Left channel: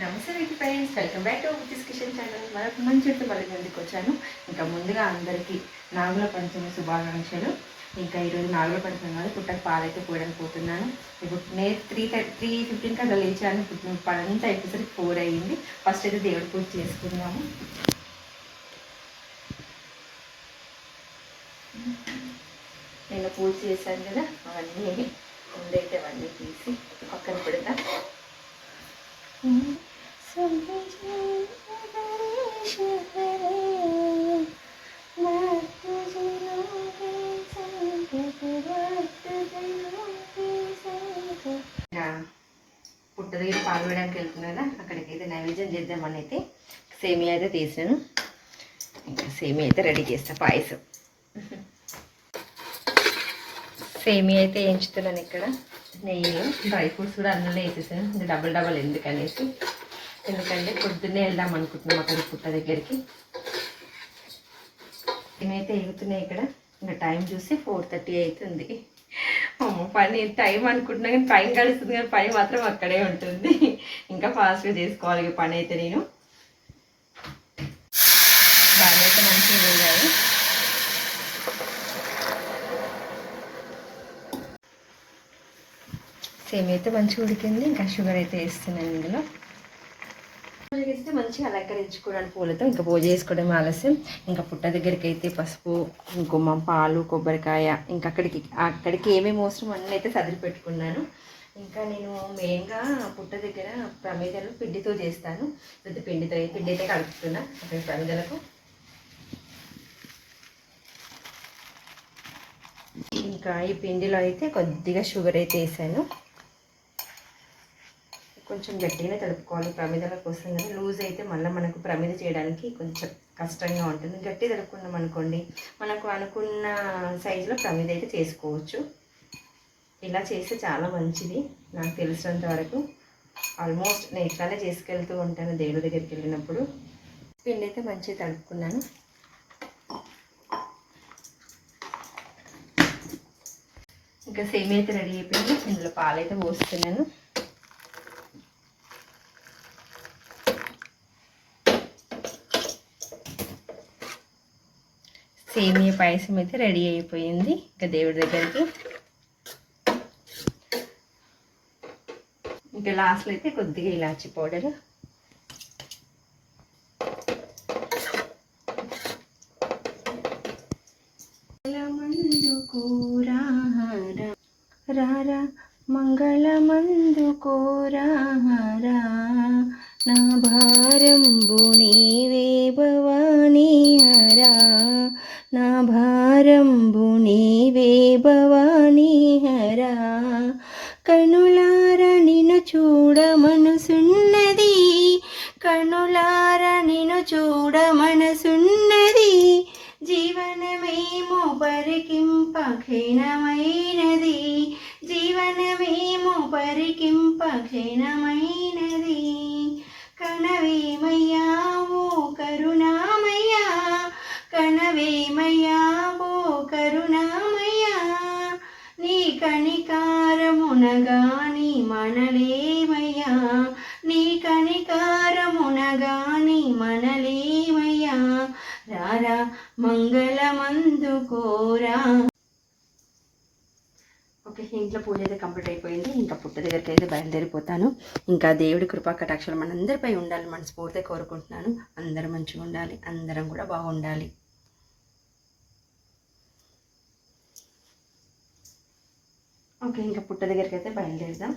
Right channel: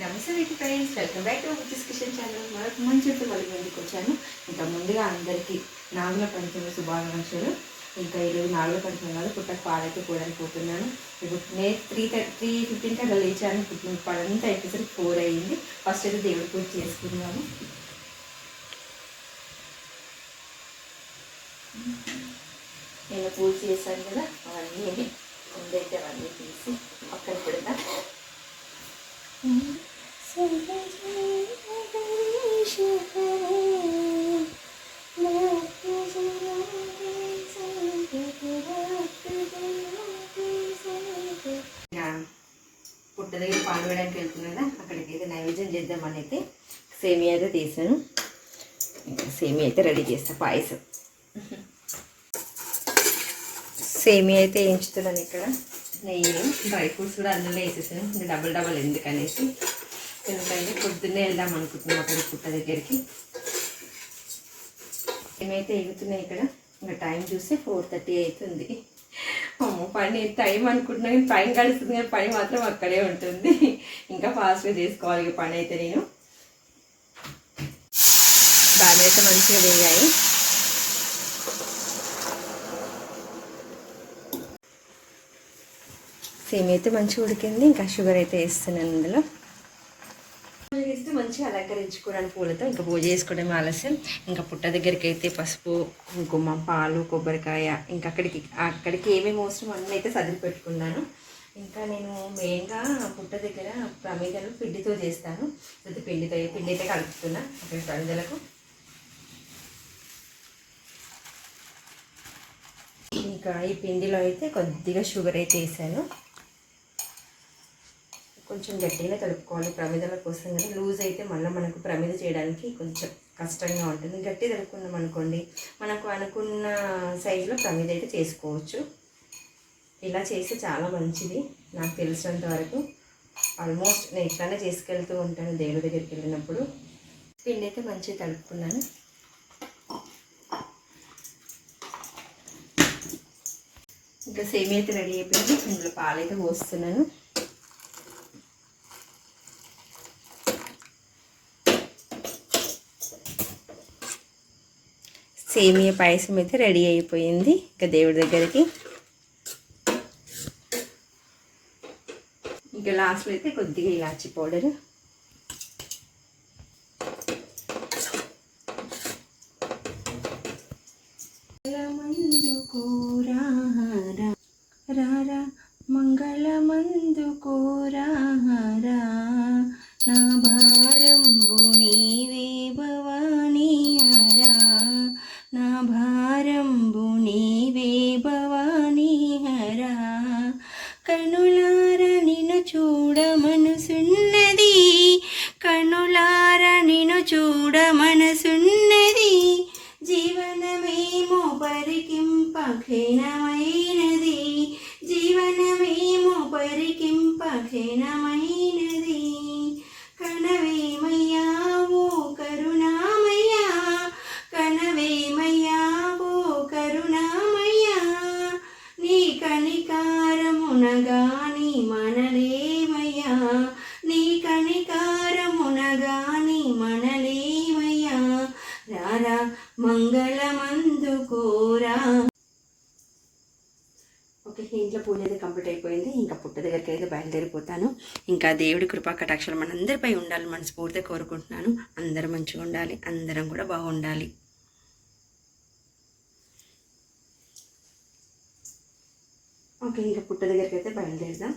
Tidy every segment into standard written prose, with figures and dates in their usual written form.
నమస్తే వీటి friends, welcome back to విటీస్ కిచెన్ ఛానల్. మరొక మంచి మళ్ళీ ముందుకు వచ్చాను. ఇంకా ముందుగా అందరికీ నాగుల పంచమి శుభాకాంక్షలు. ఇంకా ఈరోజు నాగుల పంచమి కాదు, పుట్టకు పాలైతే పోయడానికి పోతున్నాను. ఇప్పుడు నేను 3:15కి అట్లా లేచాను. ఇప్పుడు పనంతా అయిపోయేసరికి 4 అయ్యింది. ఫస్ట్ అయితే దేవుడి పూజ చేసుకున్నాము. నేను పూజ చేశాను కదా, అవన్నీ ముందైతే అవన్నీ తీసి పక్కన పెడతా. పుట్ట దగ్గర పాలు వేయడానికి వెళ్తున్నాను కదా, అక్కడికైతే నైవేద్యం చేద్దామని అయితే సేమియా అయితే తీసాను. ఇంకా సేమియా అయితే రెడీ చేస్తా. పాయసం సేమియా అయితే వేయించుతున్నాను. ఇక్కడ నెయ్యిలో డ్రై ఫ్రూట్స్ కూడా అందులో వేసేసాను. ఇంకా డబల్ ఎందుకనేసి, ఎందుకంటే పొద్దున్నే వెళ్దాం అనుకుంటున్నాం అక్కడికి పుట్ట దగ్గరికి. ఏమైతే ఎగుతున్నాయి ఇక్కడ. ఇంకా టైం చూస్తే 4:30 అవుతుంది. పని టైం అనుకుంటున్నా కానీ టైం గడుస్తుంది, కానీ పని మాత్రం అక్కడే ఉంటుంది. ఇంకా ఫాస్ట్గా చేసుకోవాలి పని అయితే. నేను దాని అయితే మంచిగా వేయాలి. సేమియా అయితే మంచిగా ఉడికింది. ఇంకా షుగర్ అయితే వేస్తున్నాను ఇందులో. పూజ చేస్తే మంచిగా అలంకరించుకోవడానికి పూలతో ఇంకా పూజ చేసుకోవడం ఆలస్యం. ఇంకా పుట్ట దగ్గరికి అయితే పసుపు, కుంకుమ, పాలు, కొబ్బరికాయ, ఇంకా అక్కడికి ఏమేమి అవసరం అన్నీ అయితే సదిరి పెట్టుకున్నాను. ఇంకా నేను మెయిన్గా పుట్ట దగ్గర ప్రమిదలు పిండితో చేస్తాను. పిండి అయితే కలుపుతున్నా అక్కడ ప్రమిదలకు. ఇంకా ఈ పిండిలో అయితే కొద్దిగా షుగర్ అయితే వేసాను. కొంచెం గట్టిగానే తడుపుకోవాలి ప్రమిదల కోసం. కానీ లూజ్ అయితే మళ్ళీ మనకు ప్రమిద చేయడానికి కొంచెం కష్టంగా ఉంటుంది. గట్టి తడుపుకున్నాం అనుకోండి, మనకు అనుకున్న సైజులో ప్రమిద అయితే చేసుకోవచ్చు. ఇలా చేస్తే చాలా మంచిది. నాకు తెలిసినంత వరకు ఆల్మోస్ట్ నేను ఇట్లానే చేసుకెళ్తూ ఉంటాను దేవుడి దగ్గరికి వెళ్ళినప్పుడు. పిండి అయితే మంచిగా తడుపుకున్నాను. ఇంకా సేమియా అయితే రెడీ అయిపోయింది. ఇందులో పాలైతే పోస్తున్నాను. సేమియా పాయసం అయితే రెడీ అయిపోయింది. ఇంకా దేవుడి దగ్గరికి ఇంకా లాస్ట్లో అయితే కొద్దిగా ఇలాచి పౌడర్, రారా మంగళమందు కోరారా, నా భారంబు నీవే భవానీ హరా, నా భారంబు నీవే భవానీ హరా. కనులార నిన్ను చూడ మనసున్నది, కనులార నిన్ను చూడ మనసున్నది, జీవనమేమో పరికింప క్షీణమైనది, జీవనమేమో పరికింప క్షీణమైనది. కనవేమయ్యా ఓ కరుణామయ్యా, కనవేమయ్యా ఓ కరుణామయ్యా, నీ కనికారమునగాని మనలేమయ్యా, నీ కనికారమునగాని మనలేమయ్యా, రారా మంగళమందు కోరా. ఓకే, ఇంట్లో పూజ అయితే కంప్లీట్ అయిపోయింది. ఇంకా పుట్ట దగ్గరికి అయితే బయలుదేరిపోతాను. ఇంకా దేవుడి కృపా కటాక్షలు మనందరిపై ఉండాలి మనస్ఫూర్తిగా కోరుకుంటున్నాను. అందరం మంచిగా ఉండాలి, అందరం కూడా బాగుండాలి. ఓకే, ఇంకా పుట్ట దగ్గరికి అయితే బయలుదేరుదాం.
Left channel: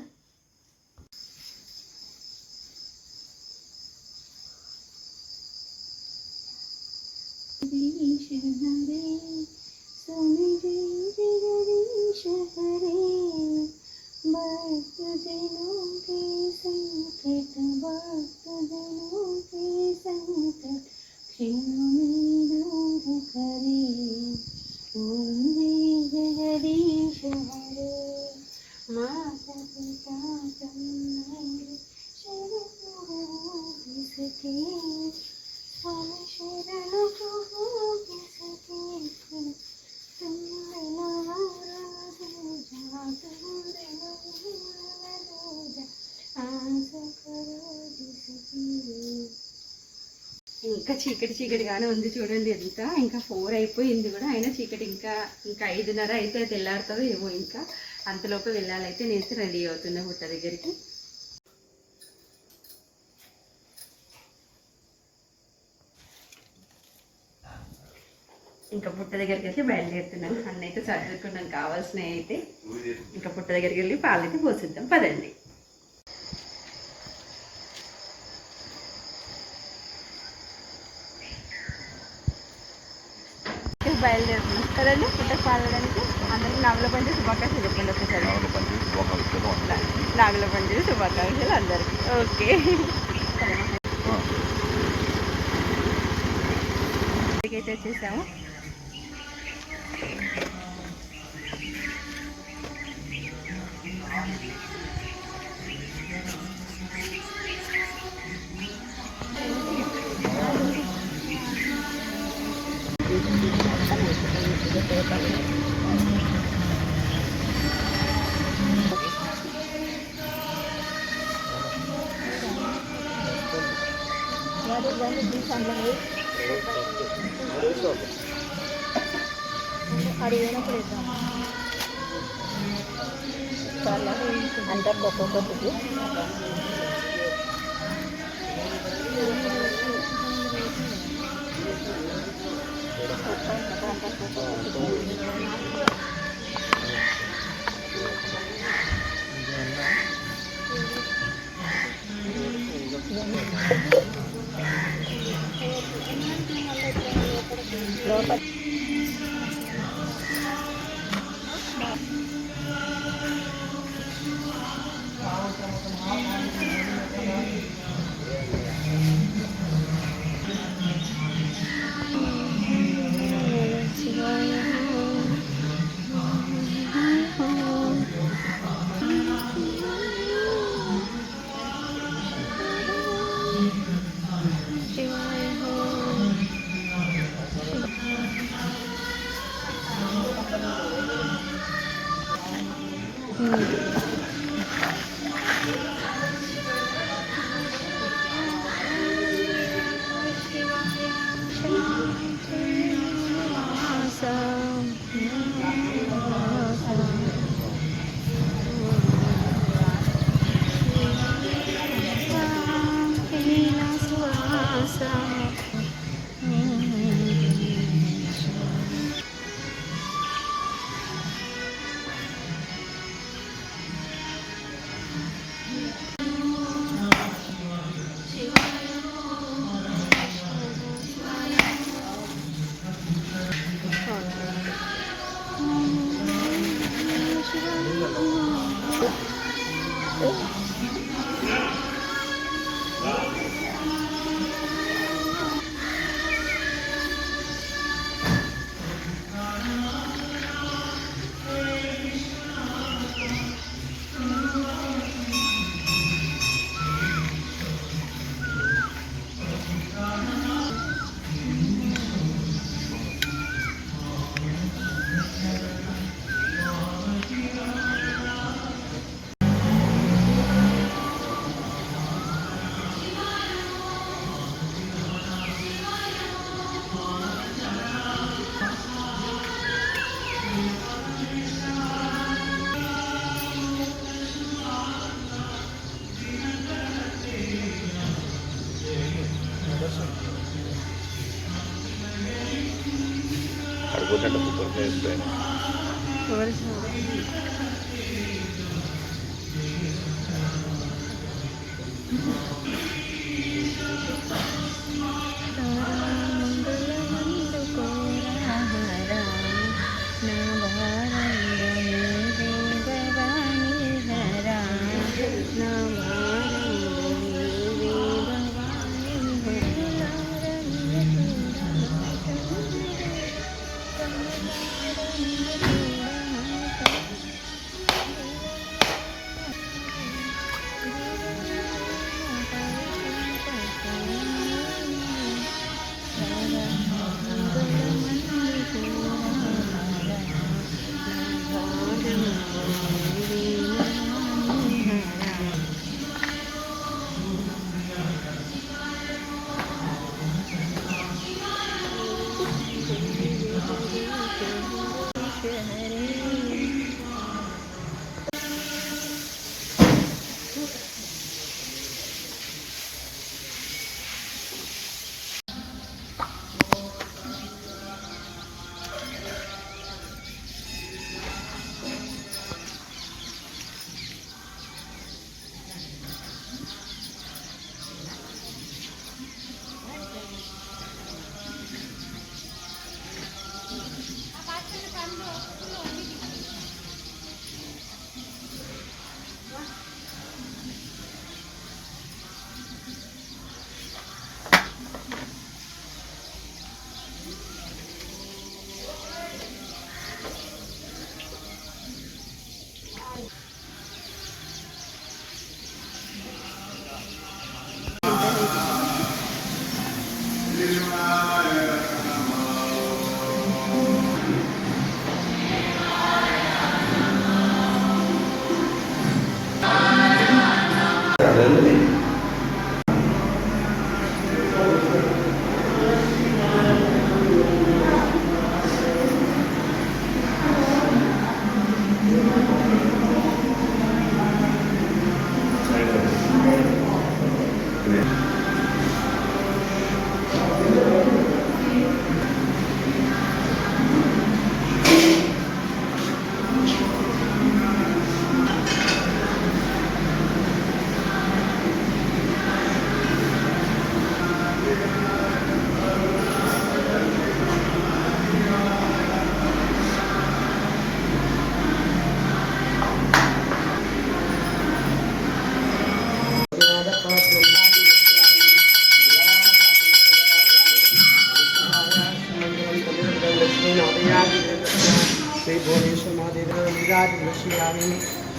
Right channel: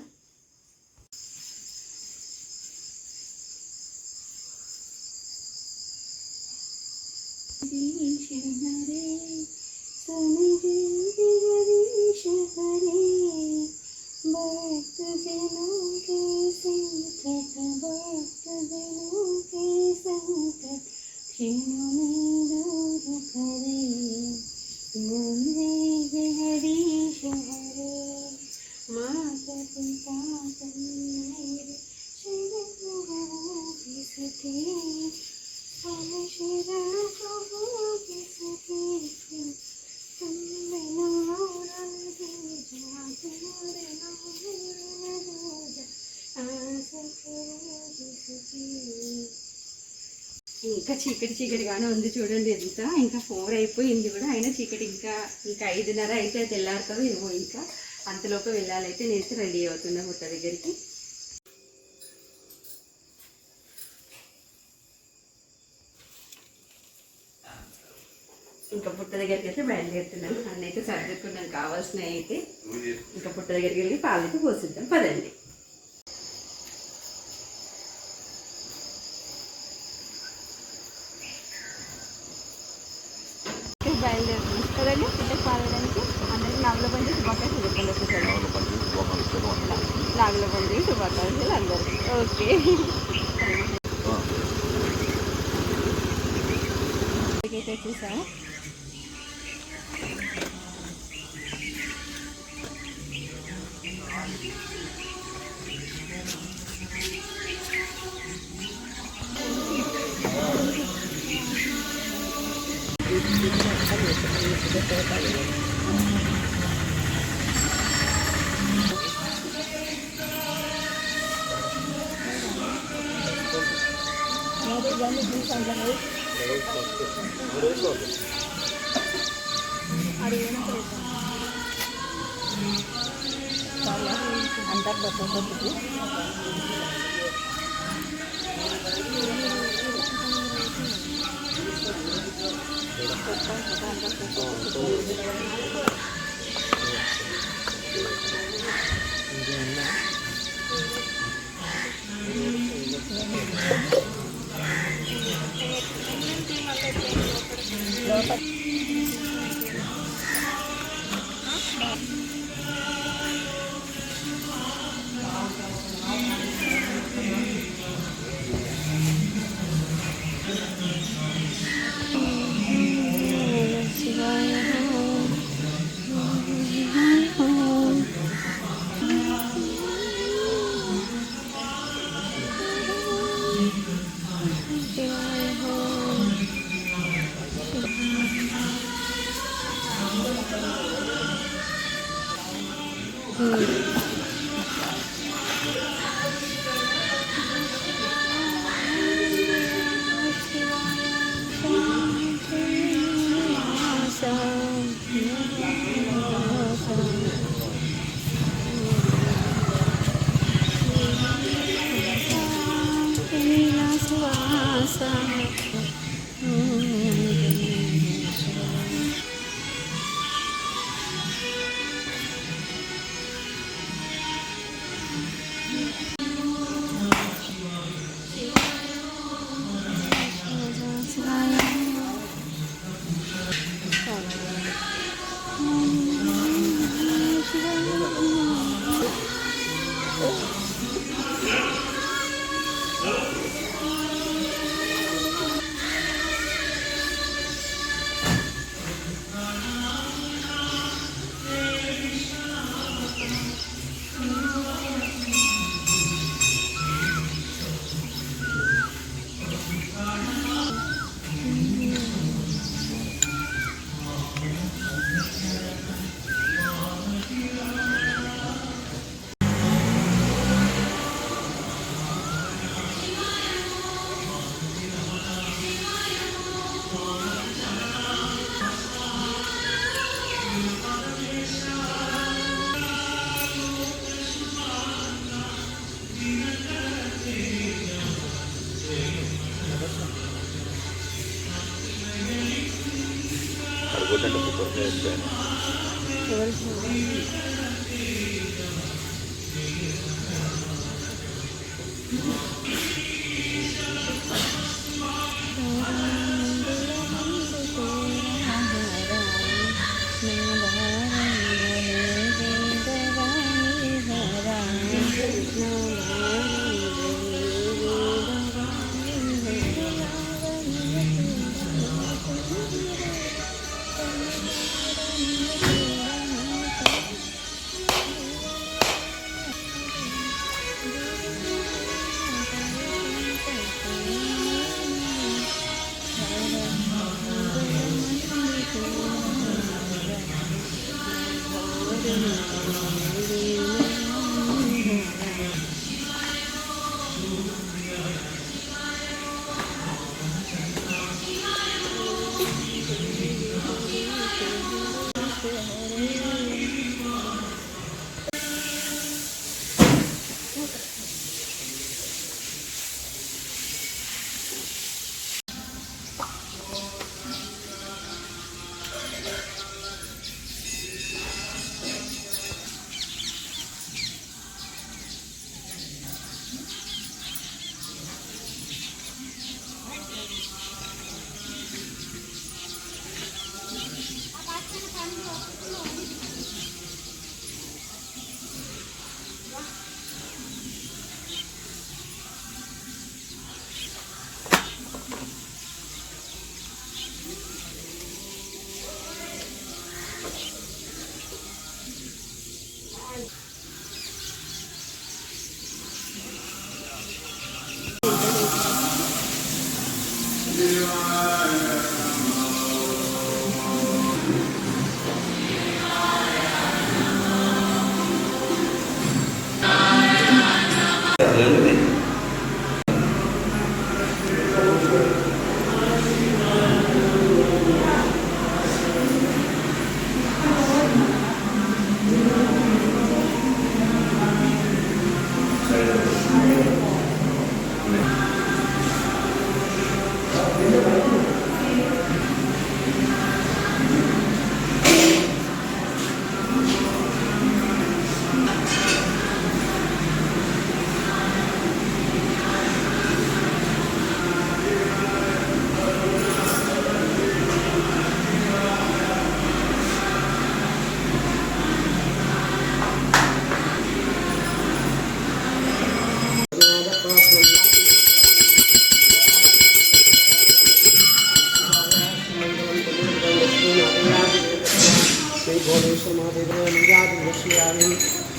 ఇంకా చీకటిగానే ఉంది చూడండి. ఎంత ఇంకా 4 అయిపోయింది కూడా, అయినా చీకటి ఇంకా 5:30 అయితే తెల్లారుతుందో ఏమో. ఇంకా అంతలోపు వెళ్ళాలైతే నేనైతే రెడీ అవుతున్నా పుట్ట దగ్గరికి. ఇంకా పుట్ట దగ్గరికి అయితే బయలుదేరుతున్నాను. అన్నైతే సర్దుకున్నాను కావాల్సినవి అయితే. ఇంకా పుట్ట దగ్గరికి వెళ్ళి పాలైతే పోసిద్దాం పదండి. బయలుదేరుతున్నాం కదండి పుట్టకు పాలడానికి. అందరికీ నాగుల పండుగ శుభాకాంక్షలు చెప్పండి ఒకసారి. నాగుల పండుగ శుభాకాంక్షలు అందరికీ. ఓకే, అయితే వచ్చేసాము. అంటారు ఒక్కొక్కటికి అడుగుతుంటే సూపర్గా అయిపోయాను.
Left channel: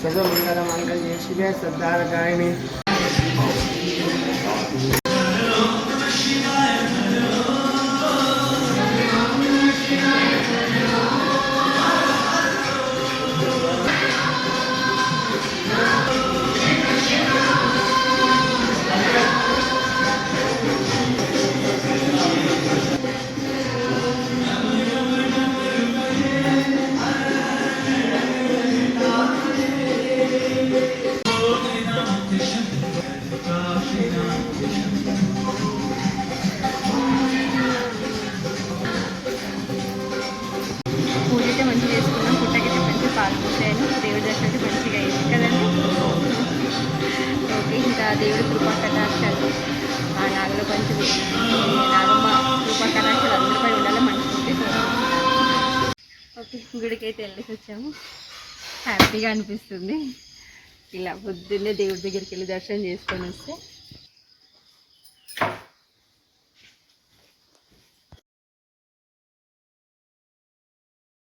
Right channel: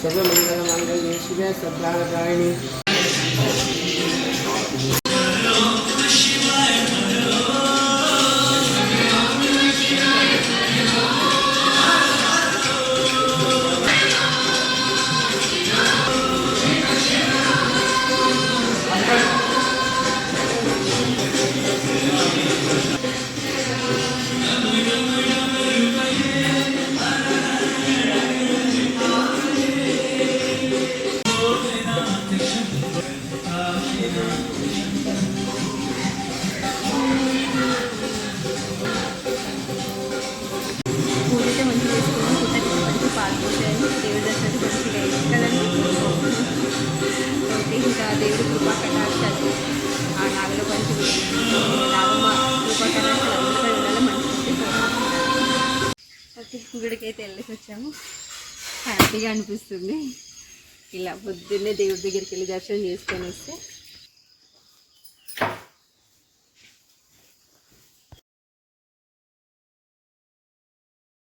सर्वमंगलमांगल्ये शिवे श्रद्धारकारिणी పూజ అయితే మంచిగా చేసుకున్నాం. పుట్టకైతే మంచిగా పాలు పోసాను. దేవుడి దర్శనం అయితే మంచిగా అయింది కదండి. ఓకే, ఇంకా దేవుడి కృపా కటాక్షాలు మా నాగలో పంచులు నాగమ్మ కృపా కటాక్షాలు అందరిపై ఉండాలి. మంచిగా ఉంటే కోరుకుంటున్నాను. ఓకే, గుడికి అయితే వెళ్ళేసి వచ్చాము. హ్యాపీగా అనిపిస్తుంది ఇలా పొద్దున్నే దేవుడి దగ్గరికి వెళ్ళి దర్శనం చేసుకొని వస్తే.